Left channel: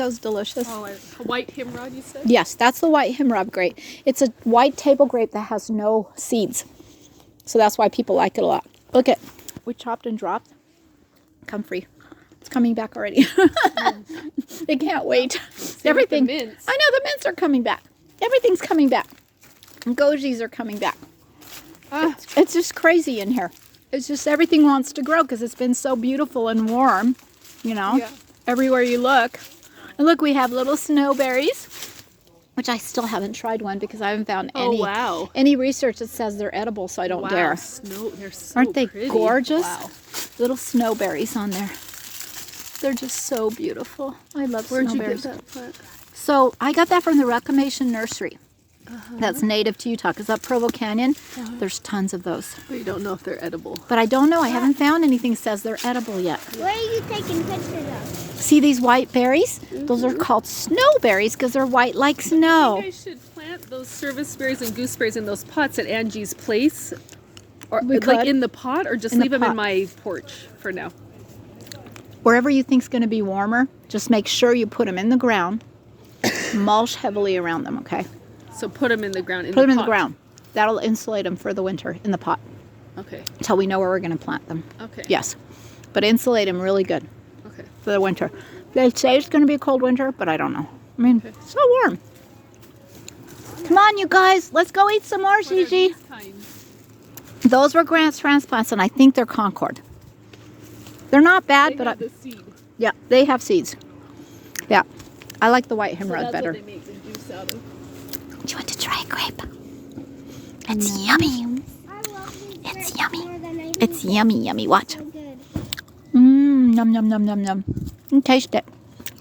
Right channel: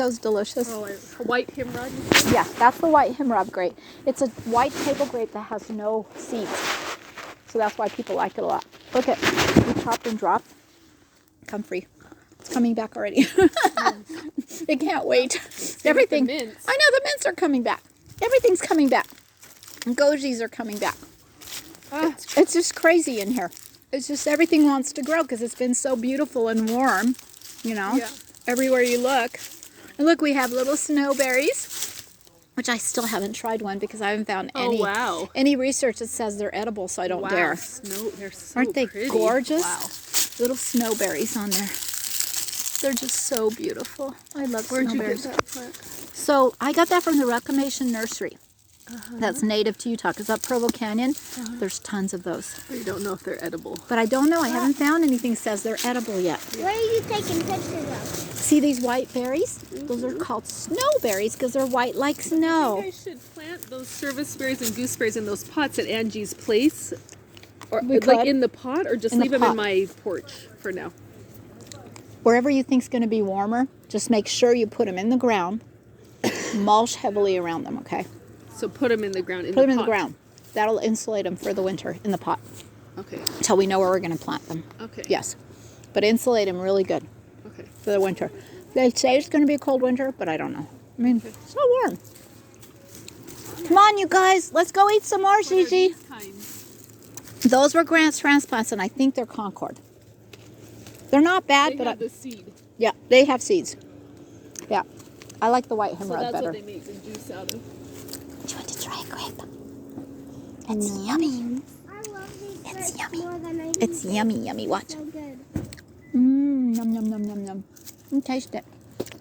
those delicious? Oh, white himrod, you said? Yes, that's the white himrod grape. It's a white table grape that has no seeds. So that's why people like it a lot. Look at, we chopped and dropped. Comfrey. It's coming back already. They can't wait. Everything. I know the mints are coming back. Everything's coming back. Gojis are coming back. It's just crazy in here. It's just everything wants to grow because it's been so beautiful and warm, you know, everywhere you look. And look, we have little snowberries, which I still haven't tried one because I haven't found any research that says they're edible, so I don't dare. They're so Aren't they pretty. gorgeous? Wow. Little snowberries on there. They're just so beautiful. I love snowberries. Where'd you get that plant? So I got that from the Reclamation Nursery. That's native to Utah. Because up Provo Canyon, there's tons of those. But you don't know if they're edible. But I don't know. I haven't found anything that says they're edible yet. Where are you taking pictures of? See these white berries? Those are called snowberries because they're white like snow. You guys should plant those service berries and gooseberries in those pots at Angie's place. Or We like could. in the pot, or just In the leave them pot. in my porch for now. Wherever you think's going to be warmer, just make sure you put them in the ground. Mulch heavily around them, okay? So put them in the ground. Put them in the ground. That'll insulate them for the winter in the pot. Okay. Until we know where we're going to plant them. Okay. Yes. But insulate them really good Okay. for the winter. They say it's going to be a cold winter, but I don't know. I mean, it's so warm. Come on, you guys. Let's go eat some more, Gigi. Those were Grant's transplants, and I think they're Concord. They're not bad, They but have the seed. yeah, they have seeds. Yeah. I like the white So hemorrhoid that's better. what they make the juice out of. Do you want to try a grape? It's yummy. I love these It's grapes yummy. more than I It's yummy, yummy. Watch. so good. Yum, yum, yum, yum, yum. Taste it.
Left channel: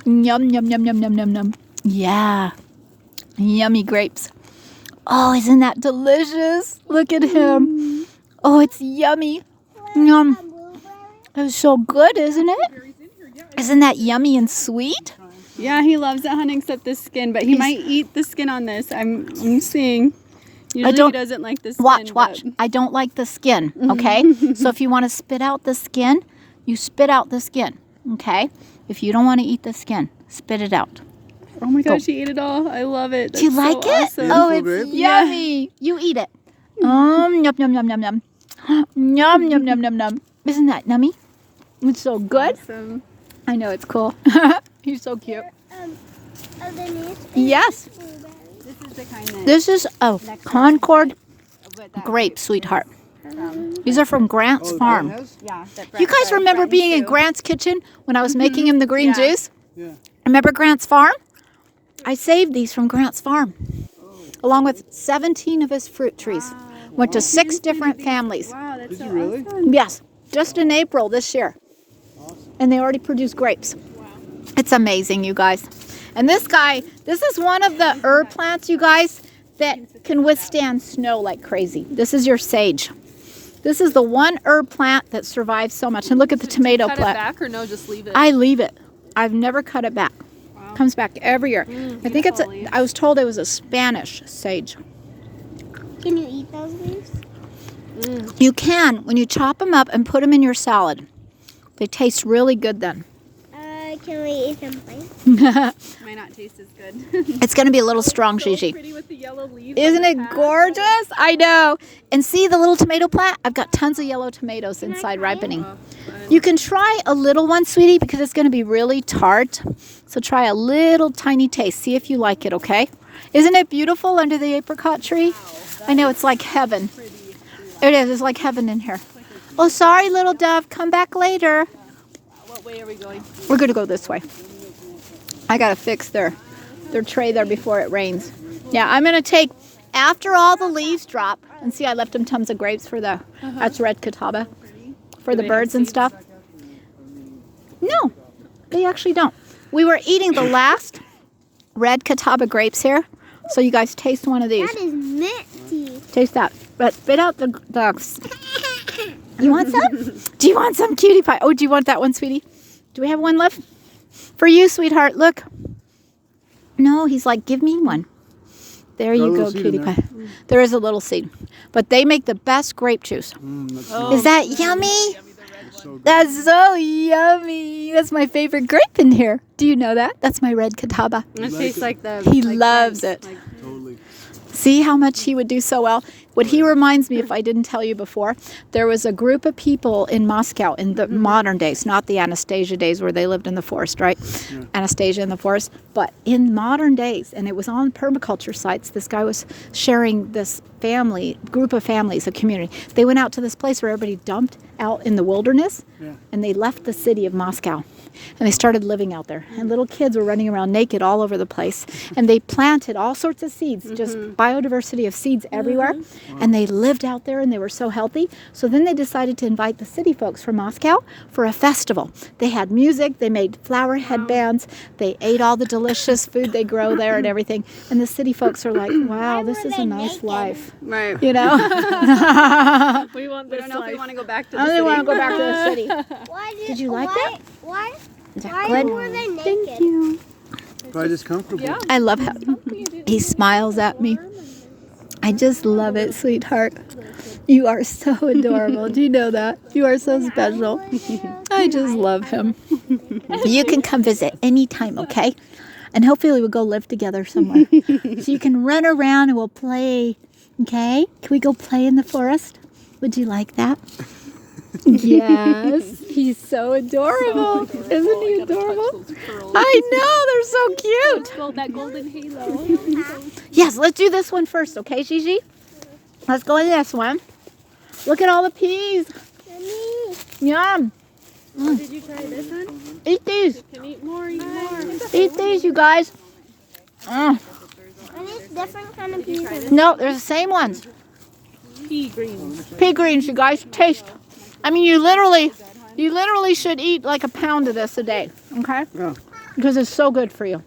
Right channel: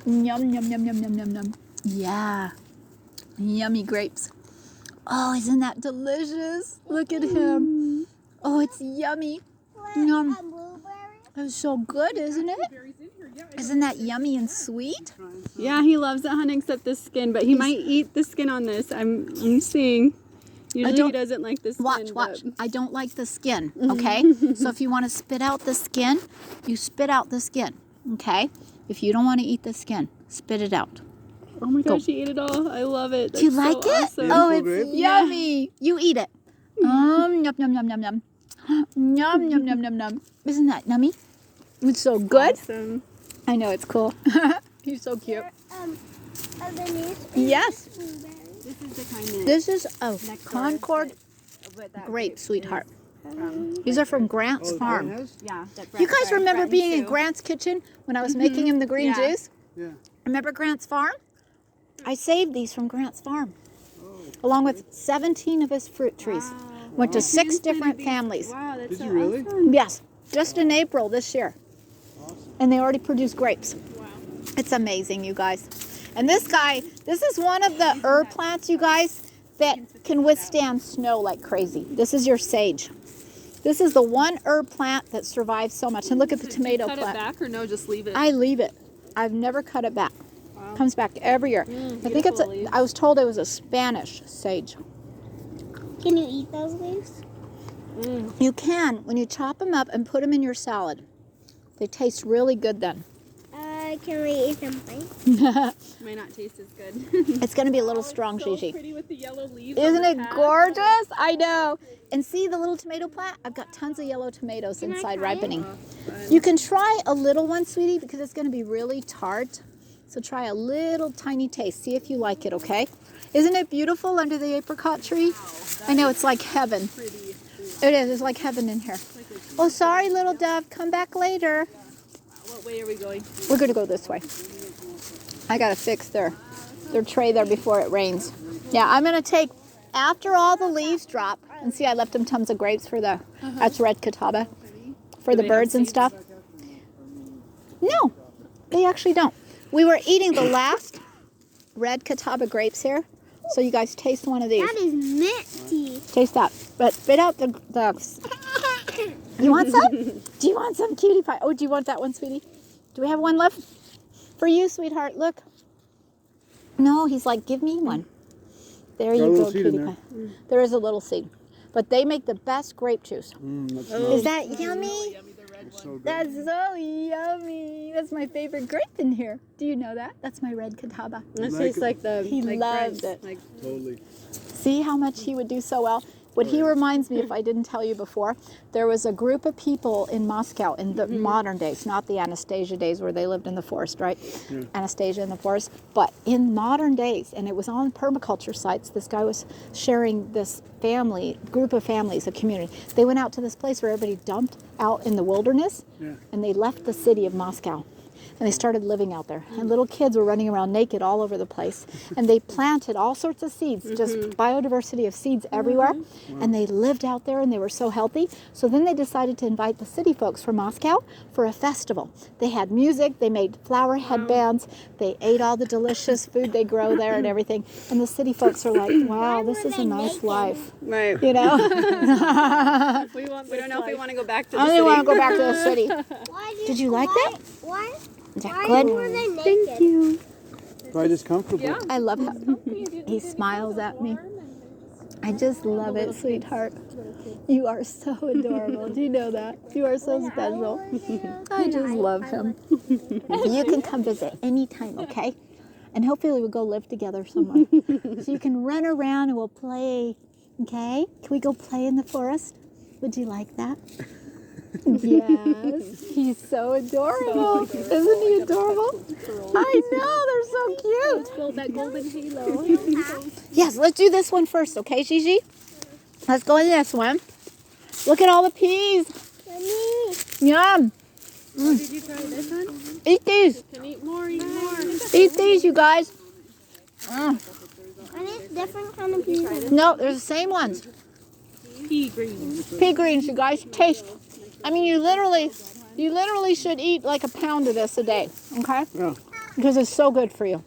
Yum, yum, yum, yum, yum, yum, yum. Yeah. Yummy grapes. Oh, isn't that delicious? Look at him. Oh, it's yummy. Yum. It's so good, isn't it? Isn't that yummy and sweet? Yeah, he loves it, honey, except the skin. But he might eat the skin on this. I'm seeing. Usually don't- he doesn't like the skin. Watch. but- I don't like the skin, okay? So if you want to spit out the skin, you spit out the skin, okay? If you don't want to eat the skin, spit it out. Oh my gosh, he ate it all. I love it. Do you That's like so it? awesome. Oh, it's yummy. You eat it. Yum, yum, yum, yum, yum. Yum, yum, yum, yum, yum. Isn't that yummy? It's so good. Awesome. I know, it's cool. He's so cute. Underneath Yes. blueberries. This is the kind that... This is a Concord grape, sweetheart. These are from Grant's farm. Yeah. You guys remember being in Grant's kitchen when I was making him the green juice? Yeah. Remember Grant's farm? I saved these from Grant's farm, along with 17 of his fruit trees. Went to 6 different families. Wow, that's Did so you really? awesome. Yes, just in April this year. And they already produce grapes. It's amazing, you guys. And this guy, this is one of the herb plants, you guys, that can withstand snow like crazy. This is your sage. This is the one herb plant that survives so much. And look at the tomato Cut plant. it back or no, just leave it? I leave it. I've never cut it back. Comes back every year. I think it's beautiful I was told it was a Spanish sage. Can you eat those leaves? You can when you chop them up and put them in your salad. They taste really good then. Can we eat something? Might not taste as good. It's going to be a little strong, So Gigi. pretty with the yellow leaves. Isn't on it the top. gorgeous? I know. And see the little tomato plant? I've got tons of yellow tomatoes inside ripening. You can try a little one, sweetie, because it's going to be really tart. So try a little tiny taste. See if you like it, okay? Isn't it beautiful under the apricot tree? I know, it's like heaven. It is. It's like heaven in here. Oh, sorry, little dove. Come back later. What way are we going? We're going to go this way. I got to fix their tray there before it rains. Yeah, I'm going to take, after all the leaves drop, and see I left them tons of grapes for the, that's red catawba, for the they have birds and seeds? stuff. No, they actually don't. We were eating the last red catawba grapes here, so you guys taste one of these. That is minty. Taste that. But spit out the dogs. You want some? Do you want some, cutie pie? Oh, do you want that one, sweetie? Do we have one left? For you, sweetheart, look. No, he's like, give me one. There you go, cutie pie. There is a little seed. But they make the best grape juice. That's Is that yummy? so good. That's so yummy. That's my favorite grape in here. Do you know that? That's my red catawba. It tastes like the. He like loves France, it. like- Totally. See how much he would do so well? What he reminds me, if I didn't tell you before, there was a group of people in Moscow in the modern days, not the Anastasia days where they lived in the forest, right? Yeah. Anastasia in the forest. But in modern days, and it was on permaculture sites, this guy was sharing this group of families, a community. They went out to this place where everybody dumped out in the wilderness, Yeah. and they left the city of Moscow. And they started living out there. And little kids were running around naked all over the place. And they planted all sorts of seeds, just biodiversity of seeds everywhere. And they lived out there and they were so healthy. So then they decided to invite the city folks from Moscow for a festival. They had music, they made flower headbands, they ate all the delicious food they grow there and everything. And the city folks are like, wow, this is a nice life. Right. You know? We want We don't know if we want to go back to I the only city. want to go back to the city. Why Did you like that? Why? Is that Why good? were they naked? But it's comfortable. Yeah. I love how he smiles at me. I just love it, sweetheart. You are so adorable. Do you know that? You are so special. I just love him. You can come visit anytime, okay? And hopefully we'll go live together somewhere. So you can run around and we'll play, okay? Can we go play in the forest? Would you like that? Yes. He's so adorable. Isn't he adorable? I know, they're so cute. Gold, that golden halo. Yes, let's do this one first, okay, Gigi? Let's go in this one. Look at all the peas. Yum. Oh, did you try this one? Eat these. Can eat more, eat more. Eat these, you guys. Are these different kind of peas? No, they're the same ones. Pea greens. Pea greens, you guys. Taste. I mean, you literally should eat like a pound of this a day, okay? Yeah. Because it's so good for you.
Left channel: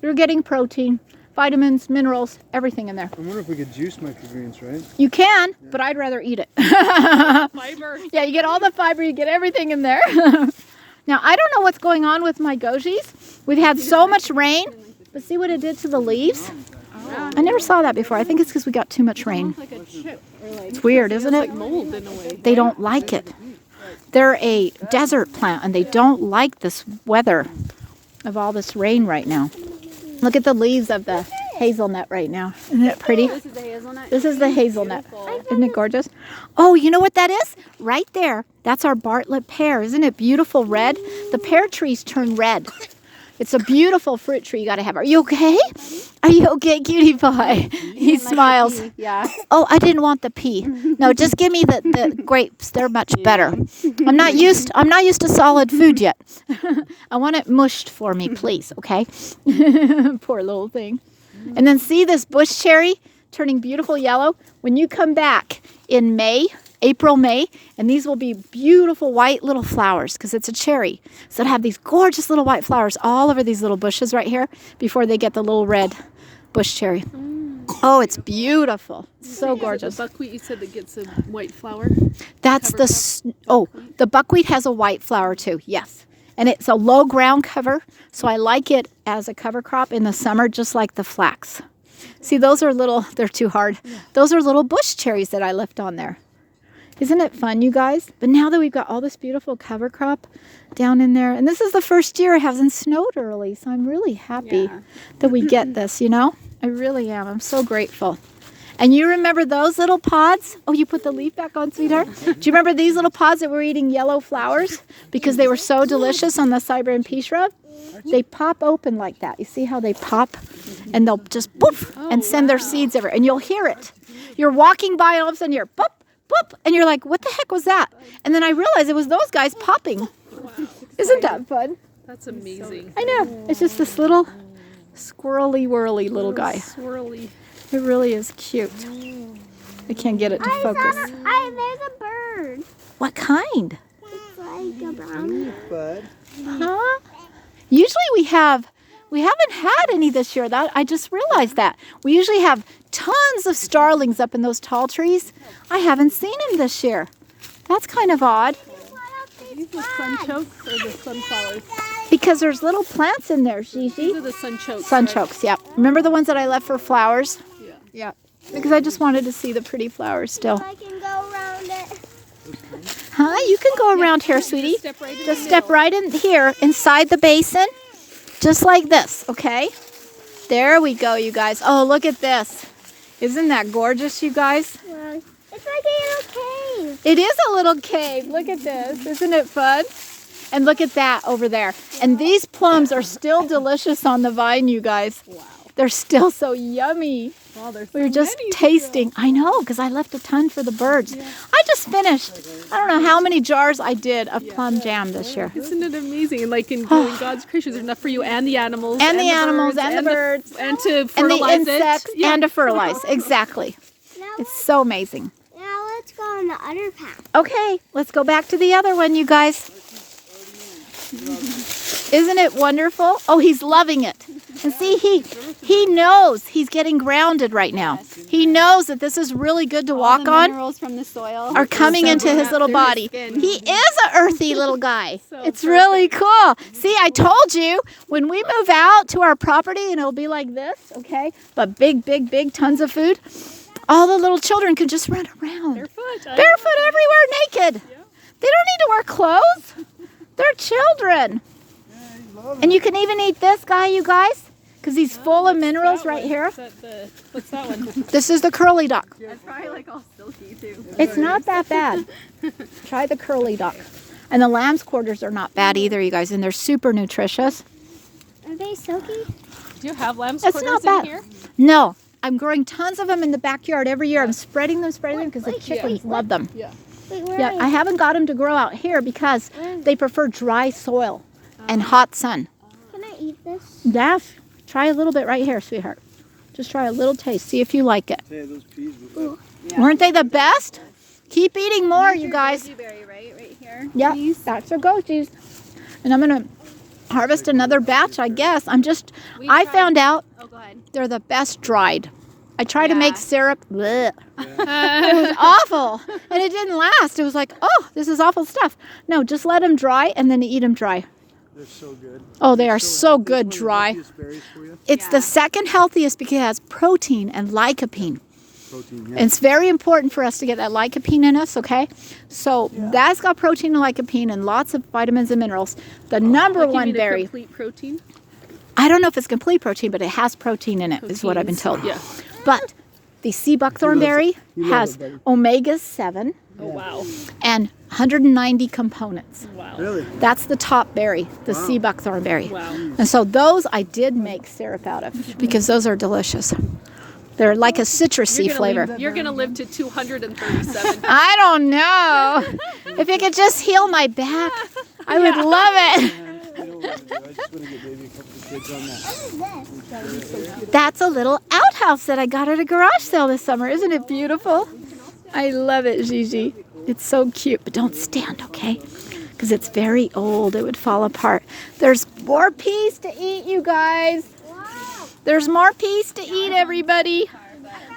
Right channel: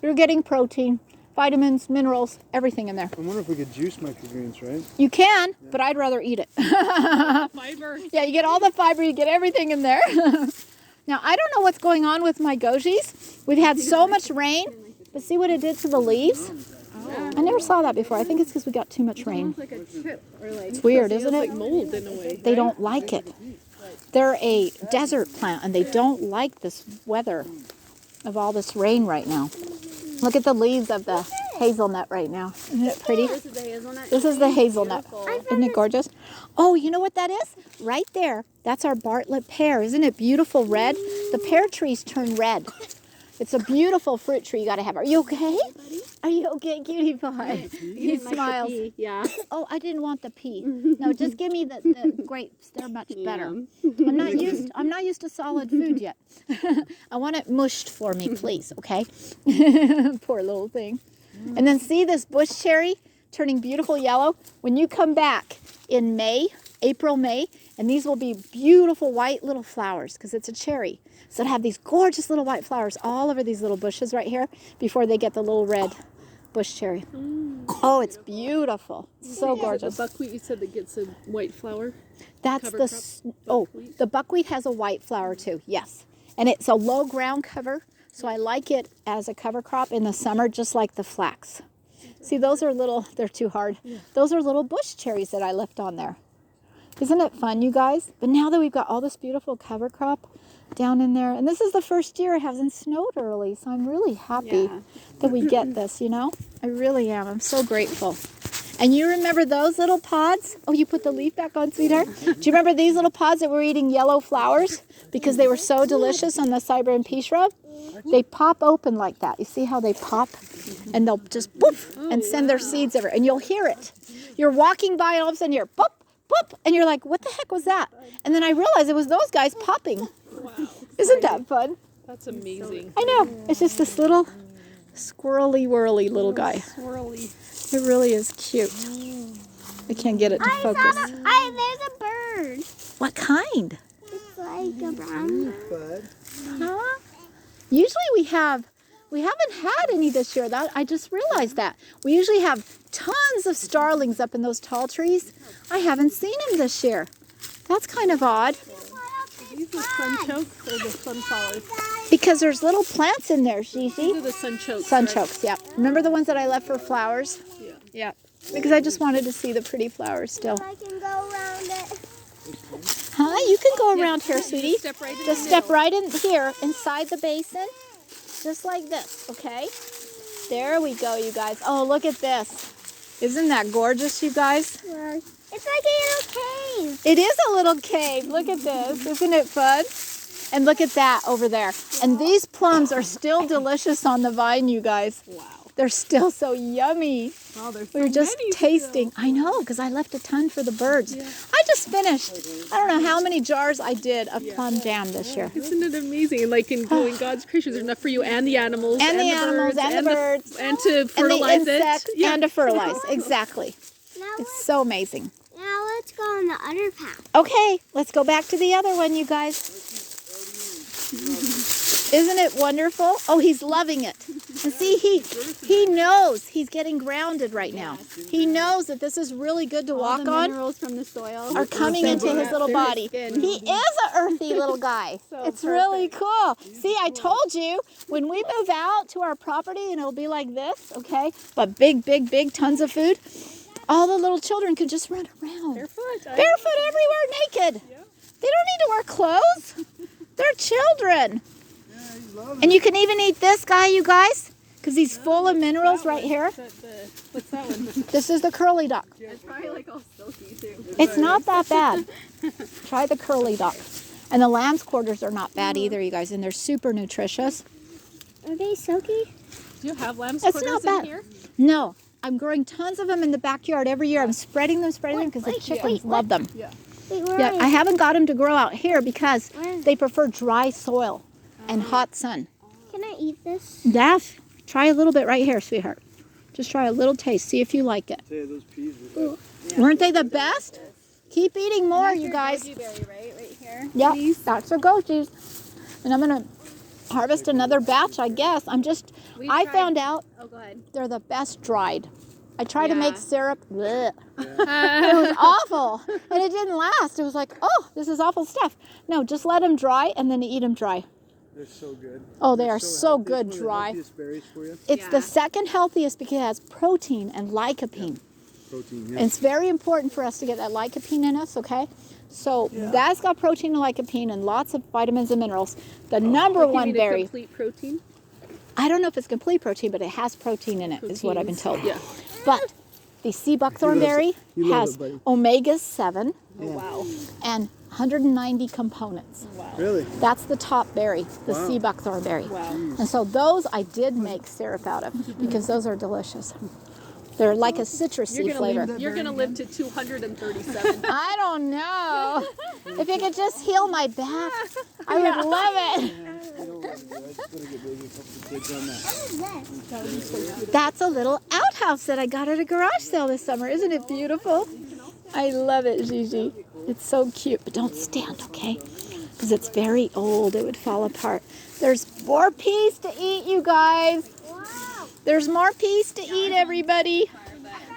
You're getting protein, vitamins, minerals, everything in there. I wonder if we could juice my pea greens, right? You can, but I'd rather eat it. Fiber. Yeah, you get all the fiber, you get everything in there. Now, I don't know what's going on with my gojis. We've had so much rain, but see what it did to the leaves? I never saw that before. I think it's because we got too much rain. Almost like a chip or like. It's weird, isn't Like it? mold in a way. They don't like it. They're a desert plant, and they don't like this weather of all this rain right now. Look at the leaves of the hazelnut right now. Isn't it pretty? This is the hazelnut. This is the hazelnut. Isn't it gorgeous? Oh, you know what that is? Right there. That's our Bartlett pear. Isn't it beautiful red? The pear trees turn red. It's a beautiful fruit tree you got to have. Are you okay? Are you okay, cutie pie? He smiles. Yeah. Oh, I didn't want the pea. No, just give me the grapes. They're much better. I'm not used to solid food yet. I want it mushed for me, please, okay? Poor little thing. And then see this bush cherry turning beautiful yellow? When you come back in May, April, May, and these will be beautiful white little flowers because it's a cherry. So it'll have these gorgeous little white flowers all over these little bushes right here before they get the little red bush cherry. Oh, it's beautiful. So gorgeous. The buckwheat you said that gets a white flower. That's the buckwheat has a white flower too. Yes. And it's a low ground cover, so I like it as a cover crop in the summer just like the flax. See, those are they're too hard. Those are little bush cherries that I left on there. Isn't it fun, you guys? But now that we've got all this beautiful cover crop down in there, and this is the first year it hasn't snowed early, so I'm really happy that we get this, you know? I really am. I'm so grateful. And you remember those little pods? Oh, you put the leaf back on, sweetheart? Do you remember these little pods that were eating yellow flowers because they were so delicious on the Siberian pea shrub? They pop open like that. You see how they pop? And they'll just poof and send their seeds everywhere. And you'll hear it. You're walking by and all of a sudden you're pop, pop. And you're like, what the heck was that? And then I realized it was those guys popping. Wow. Isn't that fun? That's amazing. I know. It's just this little squirrely whirly little guy. Swirly. It really is cute. I can't get it to focus. There's a bird. What kind? It's like a brownie. Bud. Huh? Usually we haven't had any this year. That I just realized that. We usually have tons of starlings up in those tall trees. I haven't seen them this year. That's kind of odd These are sunchokes or the sunflowers? because there's little plants in there, Gigi. These are the sunchokes. Sunchokes, yeah. Remember the ones that I left for flowers? Yeah. Yeah. Because I just wanted to see the pretty flowers still. I can go around it. Huh? You can go around here, sweetie. Just step right in Just the step middle. right in here inside the basin, just like this, okay? There we go, you guys. Oh, look at this. Isn't that gorgeous, you guys? Yeah. It's like a little cave. It is a little cave. Look at this. Isn't it fun? And look at that over there. And these plums are still delicious on the vine, you guys. Wow. They're still so yummy. Wow, there's We're so just many tasting. I know, because I left a ton for the birds. I just finished, I don't know how many jars I did of plum jam this year. Isn't it amazing? Like in growing God's creation, there's enough for you and the animals. And the animals birds, and the birds. And to And the fertilize insects it. and to fertilize. Exactly. Now, It's so amazing. now let's go on the other path. Okay, let's go back to the other one, you guys. Isn't it wonderful? Oh, he's loving it. And see, he knows he's getting grounded right now. He knows that this is really good to walk the on. minerals from the soil Are coming into his little body. He is an earthy little guy. It's really cool. See, I told you, when we move out to our property and it'll be like this, okay? But big, big, big tons of food. All the little children can just run around. Barefoot. Barefoot everywhere, naked. They don't need to wear clothes. They're children. And you can even eat this guy, you guys, because he's full of minerals right here. What's that one? This is the curly duck. It's probably like all silky too. It's not that bad. Try the curly duck. And the lamb's quarters are not bad either, you guys, and they're super nutritious. Are they silky? Do you have lamb's It's quarters not in bad. here? No, I'm growing tons of them in the backyard every year. I'm spreading them because the chickens love them. Wait, where Yeah, are I haven't got them to grow out here because they prefer dry soil and hot sun. Can I eat this? Daff, try a little bit right here, sweetheart. Just try a little taste. See if you like it. Hey, those peas were Weren't they the best? Keep eating more, you guys. Berry, right here. Yeah, that's for goatees. And I'm going to harvest another batch, I guess. I found out Oh, go ahead. they're the best dried. I tried to make Yeah. syrup. Blech. It was awful. And it didn't last. It was like, oh, this is awful stuff. No, just let them dry and then eat them dry. They're so good. Oh, they are so healthy. good One of the dry. healthiest berries for you. It's the second healthiest because it has protein and lycopene. Protein, And it's very important for us to get that lycopene in us, okay? So that's got protein and lycopene and lots of vitamins and minerals. The number Like you one mean a berry, complete protein? I don't know if it's complete protein, but it has protein in it, is what I've been told. Yeah. But the sea buckthorn berry You love has it, buddy. omega-7 Oh, wow. and 190 components. Wow. Really? That's the top berry, the Wow. sea buckthorn berry. Wow. And so those I did make syrup out of because those are delicious. They're like a citrusy flavor. You're going to live to 237. I don't know. If it could just heal my back, I would love it. You don't want to do it. I just want to get maybe a couple of kids on that. What is this? That's a little outhouse that I got at a garage sale this summer. Isn't it beautiful? I love it, Gigi. It's so cute, but don't stand, okay? Because it's very old. It would fall apart. There's more peas to eat, you guys. Wow. There's more peas to eat, everybody.